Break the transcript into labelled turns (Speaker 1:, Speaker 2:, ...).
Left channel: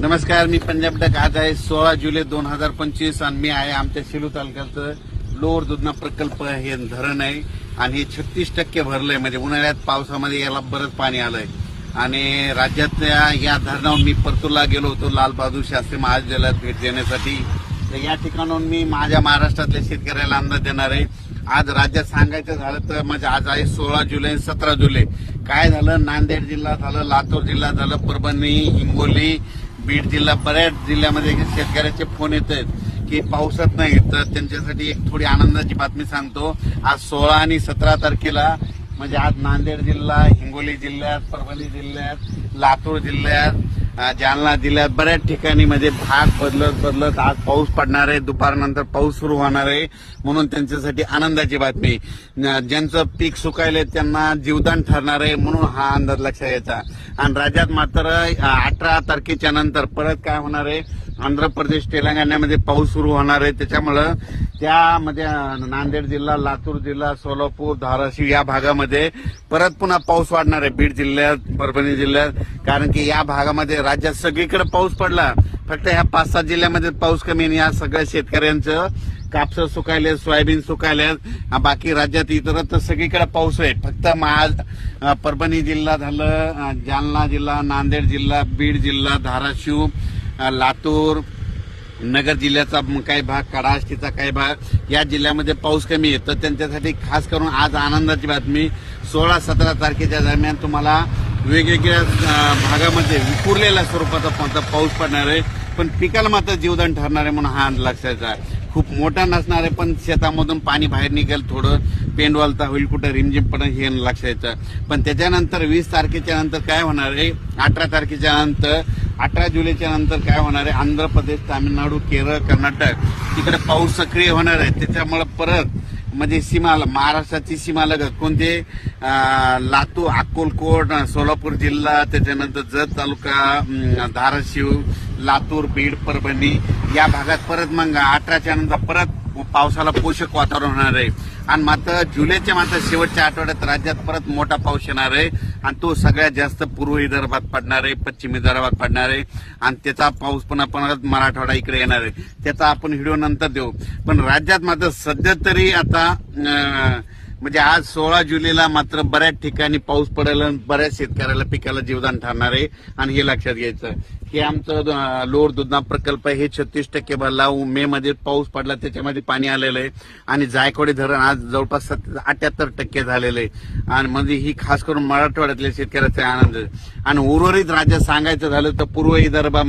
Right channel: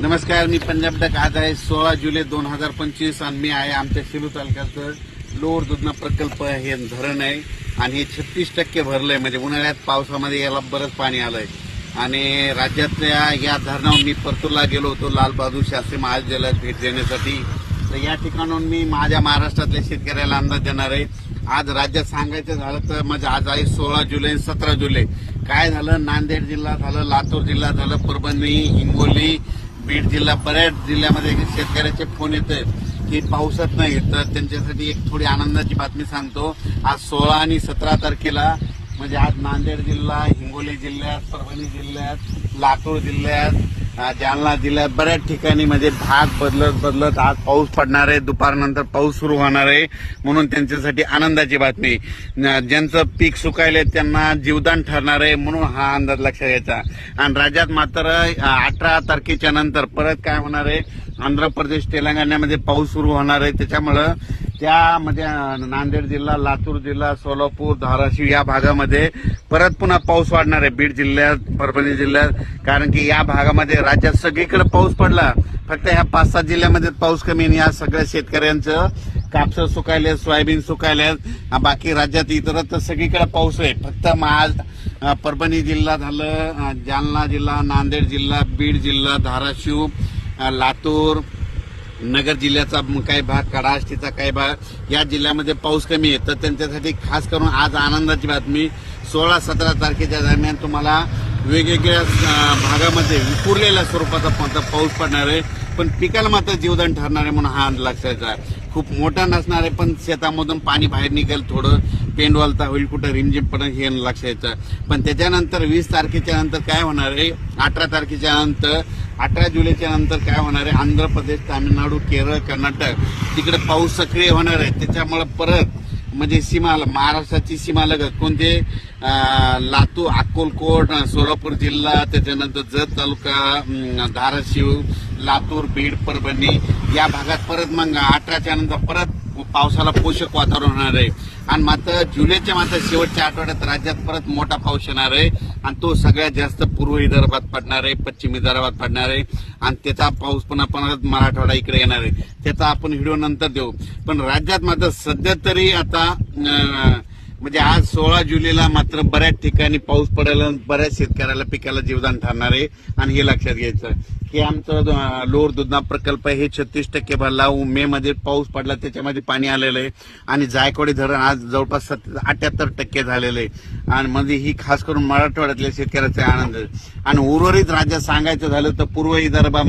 Speaker 1: नमस्कार मी पंजाब डक. आज आहे सोळा जुलै दोन हजार पंचवीस आणि मी आहे आमच्या सेलू तालुक्याचं लोअर दुधना प्रकल्प हे धरण आहे आणि हे छत्तीस टक्के भरलंय. म्हणजे उन्हाळ्यात पावसामध्ये याला बरंच पाणी आलंय. आणि राज्यातल्या या धरणावर मी परतूरला गेलो होतो लालबहादूर शास्त्री महाविद्यालयात भेट देण्यासाठी. तर या ठिकाणून मी माझ्या महाराष्ट्रातल्या शेतकऱ्याला अंदाज देणार आहे. आज राज्यात सांगायचं झालं तर म्हणजे आज आहे सोळा जुलै सतरा जुलै. काय झालं? नांदेड जिल्हा झालं लातूर जिल्हा झालं परभणी हिंगोली बीड जिल्हा बऱ्याच जिल्ह्यामध्ये शेतकऱ्याचे फोन येत आहेत की पावसात नाही तर त्यांच्यासाठी एक थोडी आनंदाची बातमी सांगतो. आज सोळा आणि सतरा तारखेला म्हणजे आज नांदेड जिल्हा हिंगोली जिल्ह्यात परभणी जिल्ह्यात लातूर जिल्ह्यात जालना जिल्ह्यात बऱ्याच ठिकाणी म्हणजे भाग बदलत बदलत आज पाऊस पडणार आहे. दुपारनंतर पाऊस सुरू होणार आहे. म्हणून त्यांच्यासाठी आनंदाची बातमी. न- ज्यांचं पीक सुकायले त्यांना जीवदान ठरणार आहे म्हणून हा अंदाज लक्षात घ्यायचा आणि राज्यात मात्र अठरा तारखेच्या नंतर परत काय होणार आहे? आंध्र प्रदेश तेलंगणामध्ये पाऊस सुरू होणार आहे. त्याच्यामुळं त्यामध्ये नांदेड जिल्हा लातूर जिल्हा सोलापूर धाराशिव या भागामध्ये परत पुन्हा पाऊस वाढणार आहे. बीड जिल्ह्यात परभणी जिल्ह्यात. कारण की या भागामध्ये राज्यात सगळीकडे पाऊस पडला. फक्त ह्या पाच सात जिल्ह्यामध्ये पाऊस कमी आणि या सगळ्या शेतकऱ्यांचं कापसं सुकायले सोयाबीन सुकायले बाकी राज्यात इतरत्र सगळीकडे पाऊस आहे. फक्त महा परभणी जिल्हा झालं जालना जिल्हा नांदेड जिल्हा बीड जिल्हा धाराशिव लातूर नगर जिल्ह्याचा काही भाग कडाष्टीचा काही भाग या जिल्ह्यामध्ये पाऊस कमी आहे. तर त्यांच्यासाठी खास करून आज आनंदाची बातमी सोळा सतरा तारखेच्या दरम्यान तुम्हाला वेगवेगळ्या भागामध्ये विखुरलेल्या स्वरूपाचा पाऊस पडणार आहे. पण पिकाला मात्र जीवदान ठरणार आहे म्हणून हा लक्षाचा खूप मोठा नसणार आहे पण शेतामधून पाणी बाहेर निघेल थोडं पेंडवालता होईल कुठं रिमझिम पडेल हे लक्षायचं पण त्याच्यानंतर वीस तारखेच्या नंतर काय होणार आहे? अठरा तारखेच्या नंतर अठरा जुलैच्या नंतर काय होणार आहे? आंध्र प्रदेश तामिळनाडू केरळ कर्नाटक तिकडे पाऊस सक्रिय होणार आहे. त्याच्यामुळे परत म्हणजे सीमा महाराष्ट्राची सीमा लगत कोणते? लातूर अक्कलकोट सोलापूर जिल्हा त्याच्यानंतर जत तालुका धाराशिव लातूर बीड परभणी या भागात परत मग अठराच्या नंतर परत पावसाला पोषक वातावरण होणार आहे. आणि मात्र जुलैच्या मात्र शेवटच्या आठवड्यात राज्यात परत मोठा पाऊस येणार आहे. आणि तो सगळ्यात जास्त पूर्व विदर्भात पडणार आहे पश्चिम विदर्भात पडणार आहे. आणि त्याचा पाऊस पुन्हा परत मराठवाडा इकडे येणार आहे. त्याचा आपण व्हिडिओ नंतर देऊ. पण राज्यात मात्र सध्या तरी आता म्हणजे आज सोळा जुलैला मात्र बऱ्याच ठिकाणी पाऊस पडायला आणि बऱ्याच शेतकऱ्याला पिकाला जीवदान ठरणार आहे आणि हे लक्षात घ्यायचं की आमचं लोअर दुधना प्रकल्प आहे. हे छत्तीस टक्के भरला मे मध्ये पाऊस पडला त्याच्यामध्ये पाणी आलेलं आहे. आणि जायकवाडी धरण आज जवळपास अठ्याहत्तर टक्के झालेलं आहे. आणि म्हणजे ही खास करून मराठवाड्यातल्या शेतकऱ्याचा आनंद आहे. आणि उर्वरित राज्यात सांगायचं झालं तर पूर्व विदर्भामध्ये